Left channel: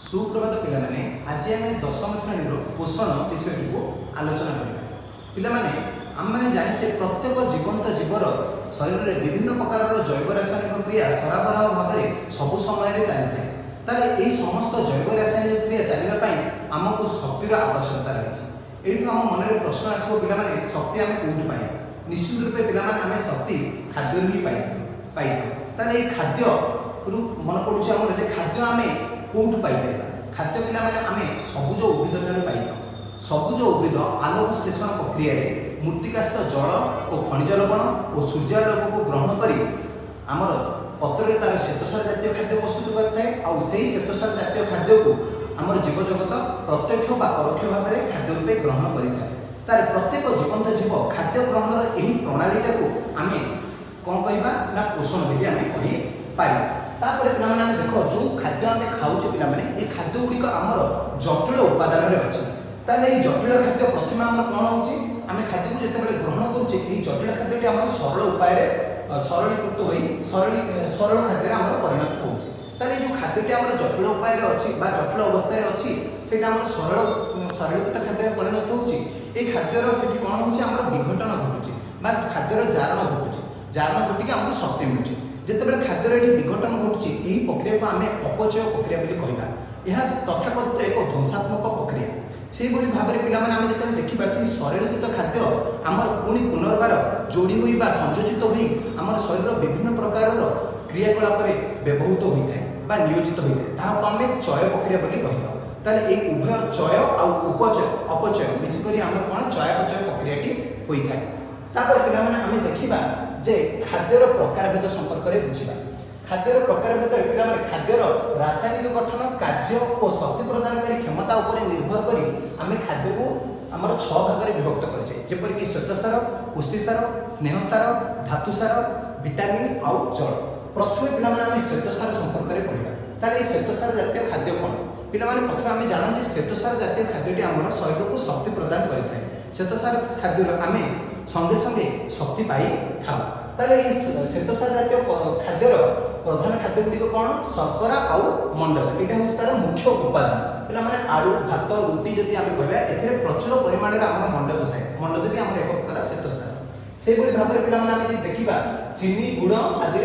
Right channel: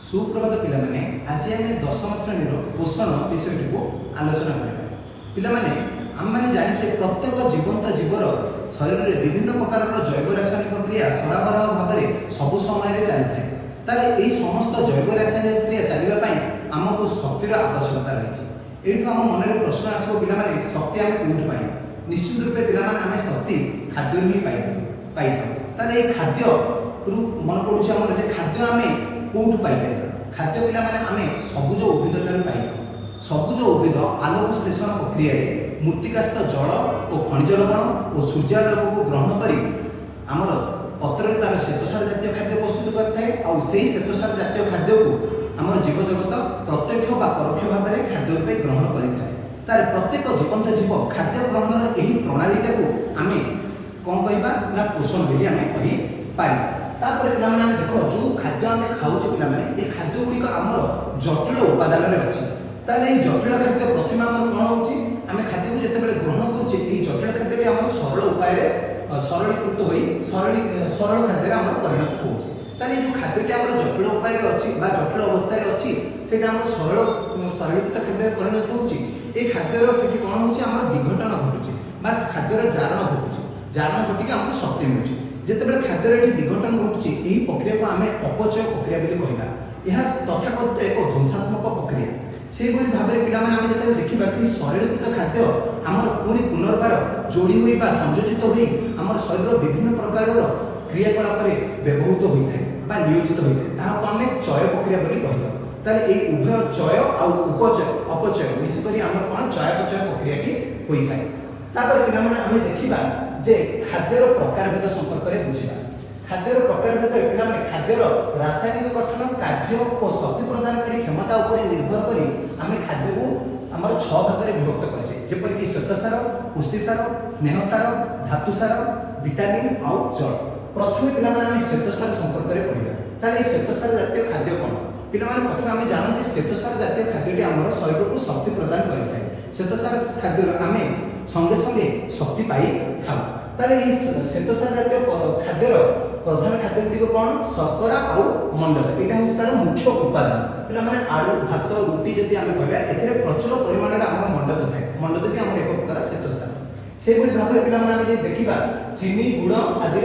सुप्रभात पिलामाने आज आम दशम श्रेणी पोषण विषय को आलोचना करबा। पिलामाने आम मैंने जानिछे प्रत्येक जीवंत जीवर शरीर में विभिन्न प्रकार जैव रासायनिक क्रिया सराबराह भाव में सबु समय चली था। ताले यही समस्त जैव रासायनिक क्रिया चलने आमको शक्तिर आवश्यकता रही। ये आम मन में प्रश्न आसो पिलामाने शक्ति आम कौटी पाई? निश्चित रूपे पिलामाने आम शक्ति खाद्य ही पाई ताले खाद्य मन पड़ुचे आम खाद्य आम कौटू पाइपर? खाद्य पिला माने आमे सबुज उद्भिद ठारू पाइथां। सबुज उद्भिद आलोक श्लेषण प्रक्रिया मृत्तिकास्थ जल और खनिज लवण और सूर्यालोक को ग्रहण करी आमर पत्र तार श्वेतसार जातीय खाद्य प्रस्तुत करते और से श्वेतसार जातीय खाद्य को आम जीव जगत प्रत्यक्ष व परोक्ष भाव में खाद्य रूपे ग्रहण करें। तार प्रत्येक जीवंत जीव खाद्य ग्रहण यही प्रणालीटा को आम कौन कहवा ना पोषण बोली आम कहीपर। तापर पिलामाने देख जो खाद्य आम खाऊे पिलामाने ये खाद्य गुड़िक आमर जटिल उपादान अच्छी। ताले जटिल खाद्य प्रथम आम कौन होची आम खाद्य को जिते ग्रहण करुचे जटिल खाद्य आम सरल उपाय सरलीकृत हो सरल खाद्य आम परिणत होची। ताले जो खाद्यटी आम जटिल उपाय अच्छी जटिल अवस्था अच्छी से सरलीकृत खाद्य परिणत होची। ये खाद्यर से कौन होची आम विघटन घटुची बा खाद्यर जारण घटुची। जारण घटिक आमको शक्ति मिलूँ जिते खाद्य विघटन घटुची। यही प्रक्रिया को आम अपचय प्रक्रिया कहना। यह तथाकथित एक ध्वंसात्मक प्रक्रिया से भाव में पाने जो देखा से सरलीकृत खाद्य आमर पुणी पुनर्बार जोड़ी हुई संयोजित हुई आम शरीर विभिन्न प्रकार क्रियाकलाप व्यवहृत होता है नियोजित होता है आम चय प्रक्रिया कहता। ताले ये उभय चय और उपचय अपचय मिसिक आम कौन चयापचय प्रक्रियाटी होता है। तापर पिलामाने आम देखा जे खाद्यर प्रकारभेद संपर्क में बुझा। खाद्यर प्रकारभेद पिलामाने खाद्यर रासायनिक गठन कार्य और शक्ति प्रदानकारी क्षमता उपर निर्भर करी आम खाद्य को आमर 6 भाग में विभक्त करे जेपरिक श्वेतसार पुष्टिसार स्नेहसार धातुसार विटामिन और जल। प्रथम पिलामाने आम श्वेतसार संपर्क में पढ़ा। ताले श्वेतसार जातीय खाद्य कौन पिलामाने प्रथम आम जानू श्वेतसार जातीय खाद्यटी आम शरीर को शक्ति प्रदान करें। श्वेतसार खाद्य आम संगे संगे शक्ति पाई था। ताले श्वेतसार जातीय खाद्यर प्रधान खाद्य गुड़िक कौन शर्करा और मंडल यहाँ हूँ तार मुख्य उपादान। पे आलू भात रुटी जब आम कहवा ए प्रचुर परिमाण में आम मंडल थाए। मंडल भी आम एक प्रकार श्वेतसार से भाव में पे देखा चीनी गुड़ आदि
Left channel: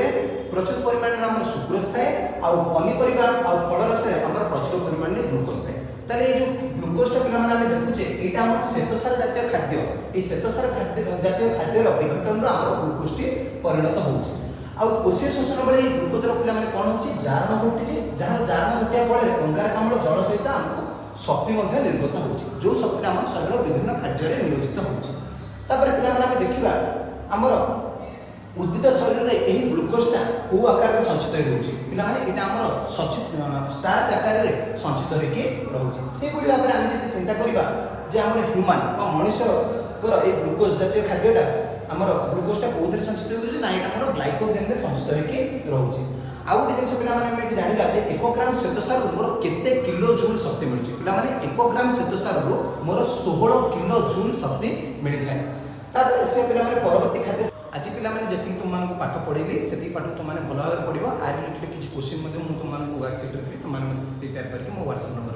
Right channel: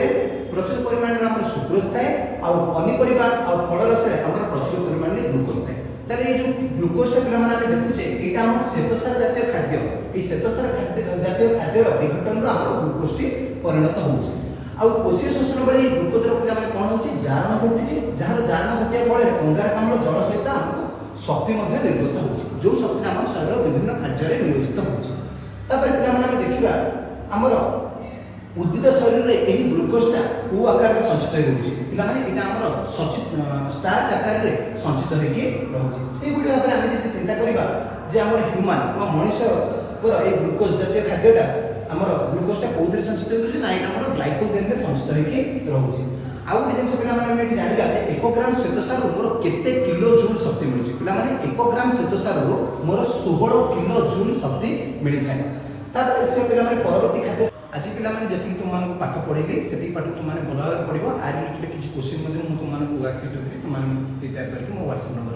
प्रचुर परिमाण में सुक्रोज थाए और पनीपरिया और फल रस आम प्रचुर परिमाण में ग्लुकोज थाए। ताले ये जो ग्लुकोजटा पे देखुचे यहाँ आम श्वेतसार जातीय खाद्य ये श्वेतसार जातीय खाद्यर विघटन आम ग्लुकोजटी परिणत होची। आउ कोशीय शोषण बेले ग्लुकोजर पे कौन हो जारण घटी जहाँ जारण घटिया फल अंगारकाम्ल जल सहित आमको शक्ति निर्गत हो जो शक्ति आम शरीर विभिन्न कार्य नियोजित होपर पे देखा आमर उद्भिद शरीर में यही ग्लुकोजटा कौ आकार में संचित होने आमर स्टार्च आकार में संचित होगी। से भाव में आम जो चिंता करवा जे आम ह्यूमान मनुष्यर ये ग्लुकोज जातीय खाद्यटा आमर ग्लुकोजटा कौन संचित होना यहाँ ग्लाइकोजेन में संचित रोचे। आउ गोटे जिन पे जाना 1 ग्राम श्वेतसार मोर केते किलो जूल शक्ति मिलूँ पे 1 ग्राम श्वेतसार मोर 16 किलो जूल शक्ति मिलता है। तापर से पे परवर्ती खाद्य आज पे जी तुम पाठ पढ़ेगी से पाठ तुमने भल भाव पढ़ो। आज किसी क्वेश्चन तुमको व्हाट्सएप तुम प्रिपेयर करके मो व्हाट्सएप नंबर